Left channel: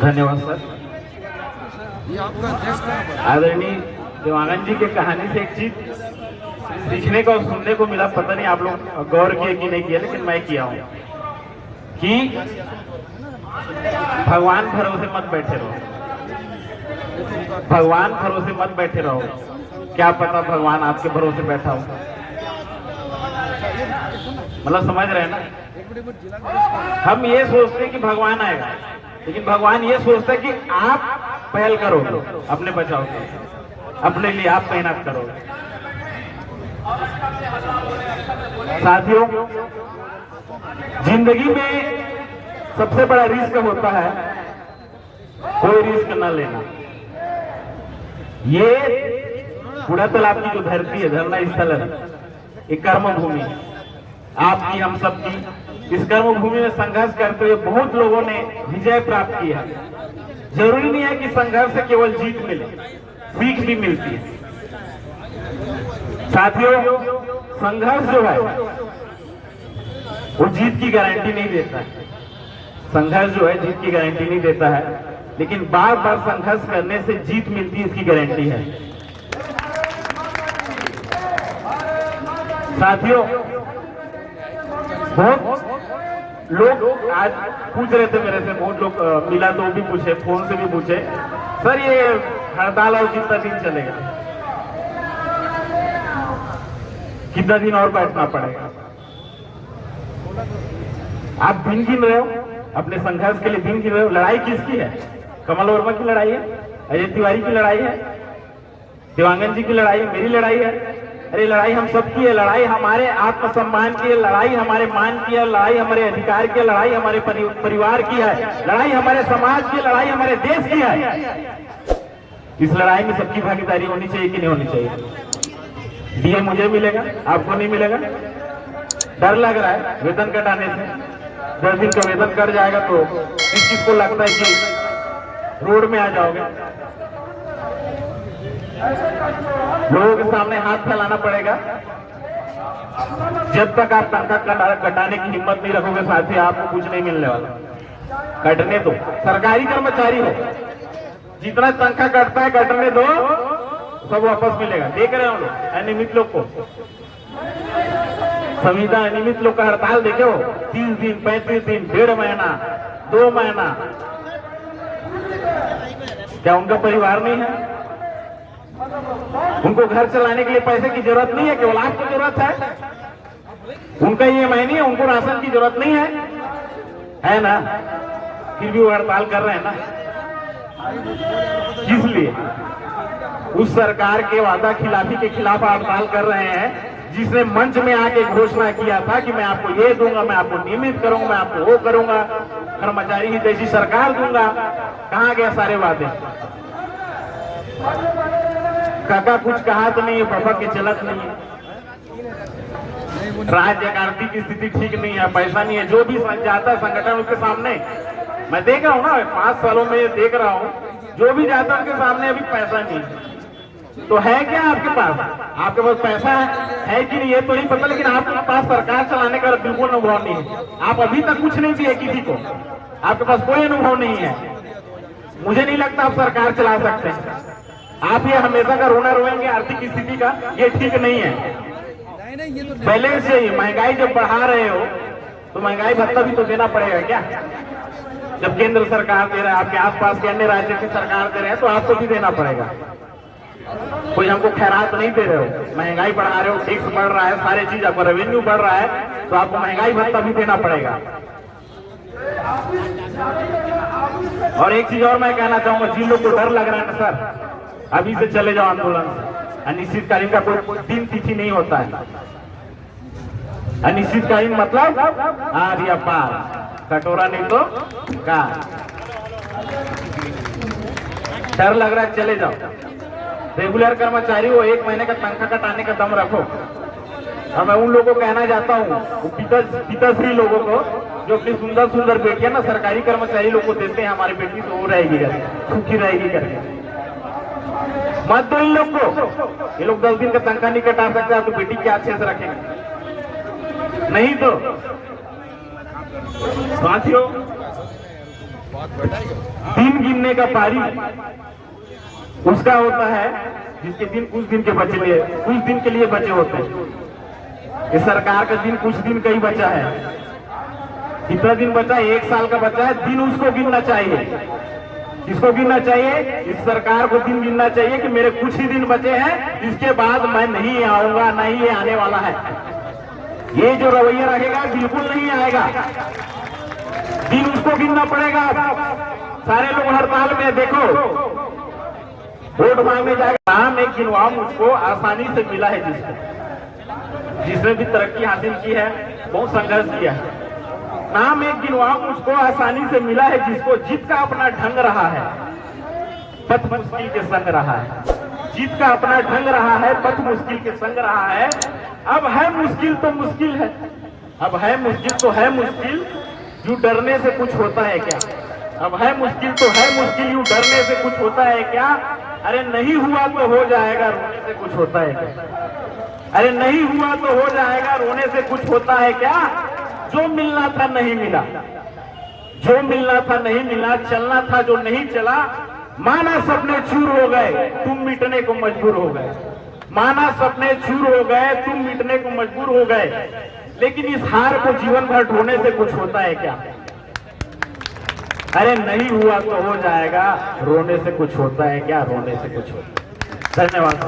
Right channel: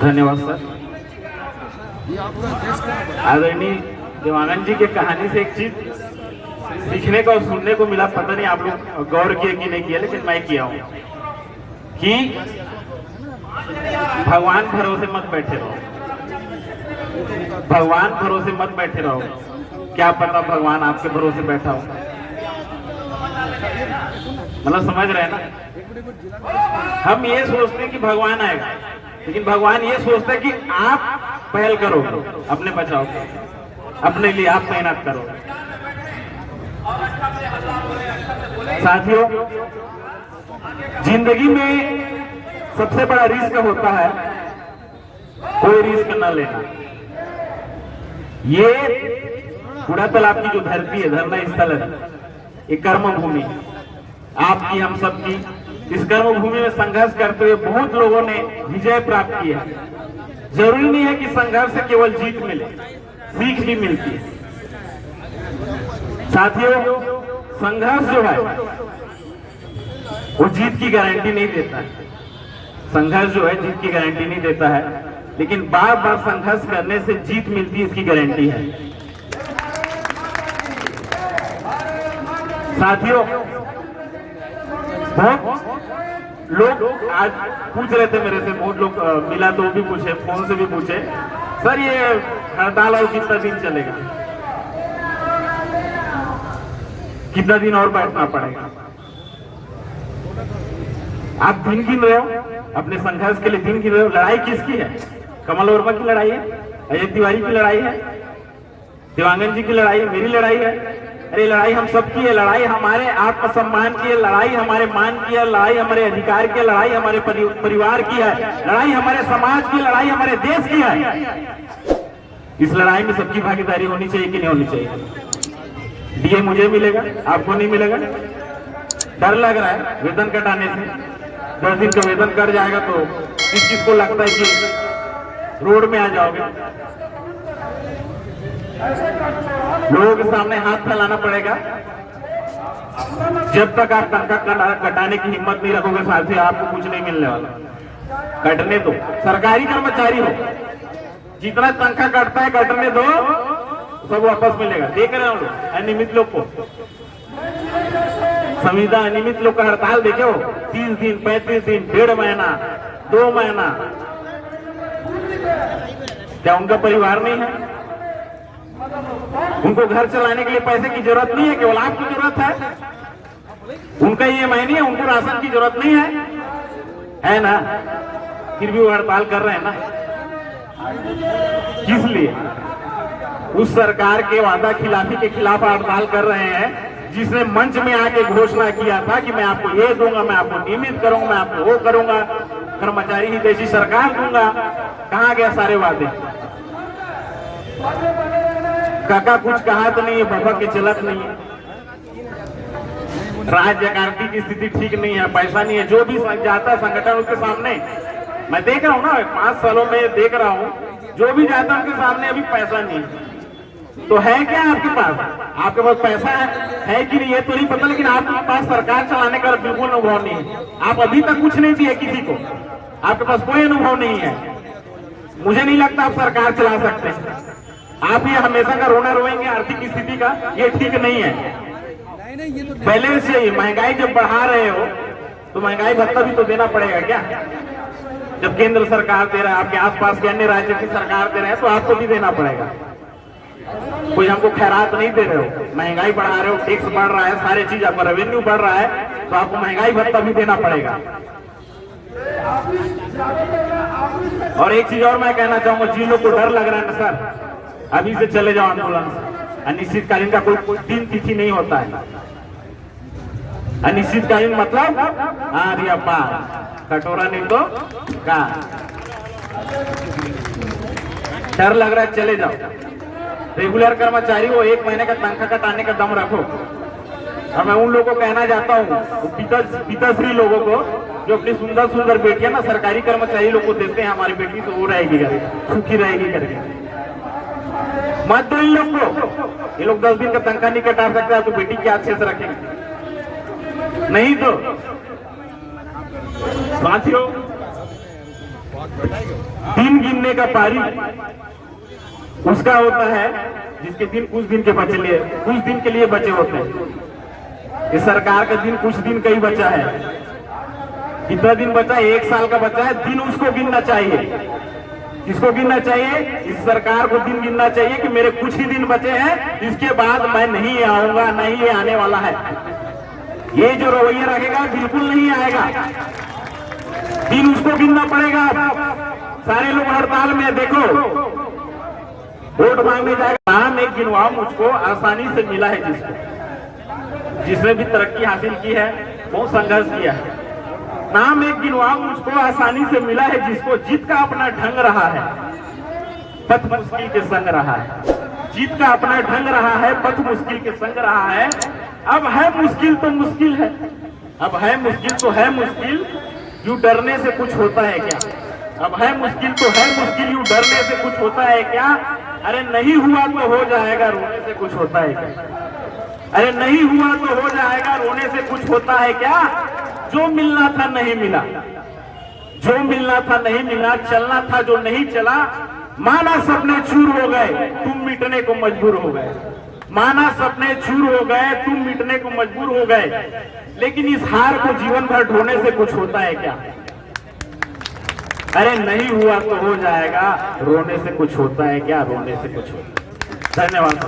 धन्यवाद सर। आदरणीय देवानंद जी के कहानी से एक चीज सीखने को और सुनने को मिला, पता नहीं आप लोग गौर किया कि नहीं किया, लेकिन मैं किया हूं कि भगवान भरोसे मत बैठे रहो, भगवान भरोसे मत बैठे रहो। क्या पता भगवान आपके भरोसे बैठा हो। मतलब समझ रहे हैं ना, हम ये सोचते हैं कि भगवान आएगा, लेकिन भगवान ये सोचता है कि आप पहल करोगे अपने बचाव के, अपने लिए आप मेहनत करोगे। साथियों, जिंदगी में सबसे बड़ा रिस्क होता है कोई रिस्क न लेना। ये बूढ़ा तालाब की जो धरती है, धरना स्थल है, ये कर्म भूमि आपकी, हम सबकी। इस कर्म भूमि में संघर्ष करते हुए बहुत लोगों ने विजय प्राप्त की है। जरूरी नहीं है कि संघर्ष से केवल जीत मिले, सीख भी मिलती है। साथियों, संघर्ष जो है वो जीत की गारंटी नहीं देता है। संघर्ष जो है जीत की गारंटी नहीं देता है, लेकिन बार बार संघर्ष करने से जीत मिलती है, इसकी गारंटी है। साथियों, बहुत लोग आज पूछ रहे थे मेरे से, बहुत लोग मिला तो भी पूछे, फोन से भी पूछे, सर ये हड़ताल और कितना दिन चलेगा, कितना दिन और बैठना पड़ेगा। आप दिन गिन रहे हो, अपने संघर्ष के लिए दिन गिन रहे हो। लड़ाई किसकी है? कमल वर्मा की लड़ाई है, अजय तिवारी की लड़ाई है, देवांगन जी की लड़ाई है, मेरी लड़ाई है। अरे लड़ाई हम सबकी है। लड़ाई हमारे आत्मसम्मान की है, लड़ाई हमारे मान की है, लड़ाई हमारे अधिकार की है, लड़ाई हमारे परिवार की है, लड़ाई हमारे समाज की, लड़ाई हमारे देश की है। इस लड़ाई में सबकी भागीदारी होनी चाहिए कि नहीं होनी चाहिए? डीए मुझे मिलेगा, आपको नहीं मिलेगा। डर लग रहा है वेतन कटाने से, 10 दिन का वेतन कट जाएगा तो किसको लगता है कि रोड में आ जाओगे। लोगों के सामने हाथ फैलाना पड़ेगा। जब तक आप तनख्वाह कटाने की हिम्मत नहीं रखोगे साथी, आपको कुछ नहीं मिलने वाला। कटने दो, सरकारी कर्मचारी हो, जितना तनख्वाह कटता है कटने दो, सब वापस मिलेगा। देख रहे हो अनियमित लोग को, संविदा अनियमित लोग का हड़ताल देखो, 30 दिन 35 दिन, 1.5 महीना 2 महीना। क्या उनका परिवार नहीं है? उनको घर चलाने के लिए पैसे की जरूरत नहीं है, केवल आपको जरूरत है। उनका EMI नहीं है, उनको राशन की जरूरत नहीं है ना? फिर भी वो हड़ताल कर रहे हैं ना, किस लिए? उस सरकार के वादा खिलाफी के खिलाफ हड़ताल कर रहे हैं, जिसने मंच में आके घोषणा किया था कि मैं आपको ये दूंगा, मैं आपको नियमित करूंगा, मैं आपको वो करूंगा, कर्मचारी ही देशी सरकार दूंगा। कहां गया सारे वादे? काका कुछ कहा तो नहीं है, बाबा के चलत नहीं है। राज्य आर्थिक की स्थिति ठीक नहीं है, पैसा नहीं है। जो भी जाता संगठन उसके सामने, मैं देख रहा हूँ ना, 5 सालों में देख रहा हूँ, जो भी जाता उनके सामने अभी पैसा नहीं है। तो है क्या आपके पास? आपके पास पैसा है कि नहीं ये तो नहीं पता, लेकिन आपके पास सरकार चलाने का बिल्कुल अनुभव नहीं है। आप अभी तक कुछ नहीं दिए किसी को, आपके पास कोई अनुभव नहीं है। मुझे नहीं लगता आप सरकार चला सकते हैं। आप ये हमेशा का रोना रोएंगे आर्थिक स्थिति का, ये ठीक नहीं है। पहले से ही महंगाई जब बढ़ा रहे हो तो महंगाई भत्ता भी तो देना पड़ेगा क्या? जब केंद्र सरकार दे रहा है, आपके आसपास के अन्य राज्य की सरकार दे रहे हैं, तो आपको भी देना पड़ेगा। कोई हमको खैरात नहीं दे रहे हो, महंगाई बढ़ा रहे हो, टैक्स बढ़ रहा है, सारी चीज आपका रेवेन्यू बढ़ रहा है, तो आपको महंगाई भत्ता भी देना पड़ेगा। और एक चीज और मैं कहना चाहूंगा, जिन लोग को डर लग रहा है ना सर, अभी से चले जाओ आंदोलन से। अनिश्चितकालीन का कोई दिन तिथि नहीं होता है। अनिश्चितकालीन मतलब आर या पार, कटोरा नहीं तो का। डर लग रहा है, चले जाओ। रेगुलर कर्मचारी हो, 1 महीने का तनख्वाह कटाने का दम रखो। और मैं उन लोगों को कहना चाहता हूँ, पिताश्री लोगों को, जो अपनी सुंदर सुंदर बेटियां ना सरकारी कर्मचारी लोग को देते हैं, हमारी बेटी तो वो रहेगी, सुखी रहेगी करके मत दो इन लोग को। ये लोग 10 दिन का तनख्वाह नहीं कटा सकते, आपकी बेटी क्या अच्छे से रखेंगे? नहीं तो साथियों, दिन गिनने का पारी उसका होता है जिसके दिन कुछ दिन के बचे लिए, कुछ दिन के लिए बचे होते हैं। इस सरकार का दिन कुछ दिन का ही बचा है। कितना दिन बचा है? 1 साल का बचा है। दिन उसको गिनना चाहिए। किसको गिनना चाहिए? इस सरकार को दिन गिनना चाहिए कि मेरे कुछ ही दिन बचे हैं, इसके बाद मैं नहीं आऊंगा, नहीं ये आने वाला है। ये जो रवैया रहेगा बिल्कुल नहीं आएगा। दिन उसको गिनना पड़ेगा। सारे लोग हड़ताल में, देखो वोट मांगने जाएगा, नाम एक गिनवा मुझको आसानी से मिला है जिसने भी तरक्की हासिल की है, बहुत संघर्ष किया है। नाम एक गिनवा मुझको आसानी से मिला है जिसको जीत का अपना ढंग रहा है, पथ मुश्किल के संग रहा है। जीत का अपना ढंग रहा है, पथ मुश्किल के संग रहा है। अब है मुश्किल तो मुश्किल है, अब है मुश्किल तो है मुश्किल, यूं डरने से कुछ होता है क्या? अब है मुश्किल तो है मुश्किल, यूं डरने से कुछ होता है क्या? अरे नहीं हुआ तो हो जाएगा, रोने से कुछ होता है क्या? अरे नहीं हुआ तो हो जाएगा, रोने से कुछ होता है क्या? जो मिलना था नहीं मिला, जो मिलना था नहीं मिला, चलना था जो नहीं चला। माना सपने चूर हो गए, तुम मिटने को मजबूर हो गए। माना सपने चूर हो गए, तुम मिटने को मजबूर हो गए। लेकिन इस हार को जीवन भर ढोने से कुछ होता है क्या? अरे नहीं हुआ तो हो जाएगा, रोने से कुछ होता है क्या? रोने से कुछ होता है। धन्यवाद।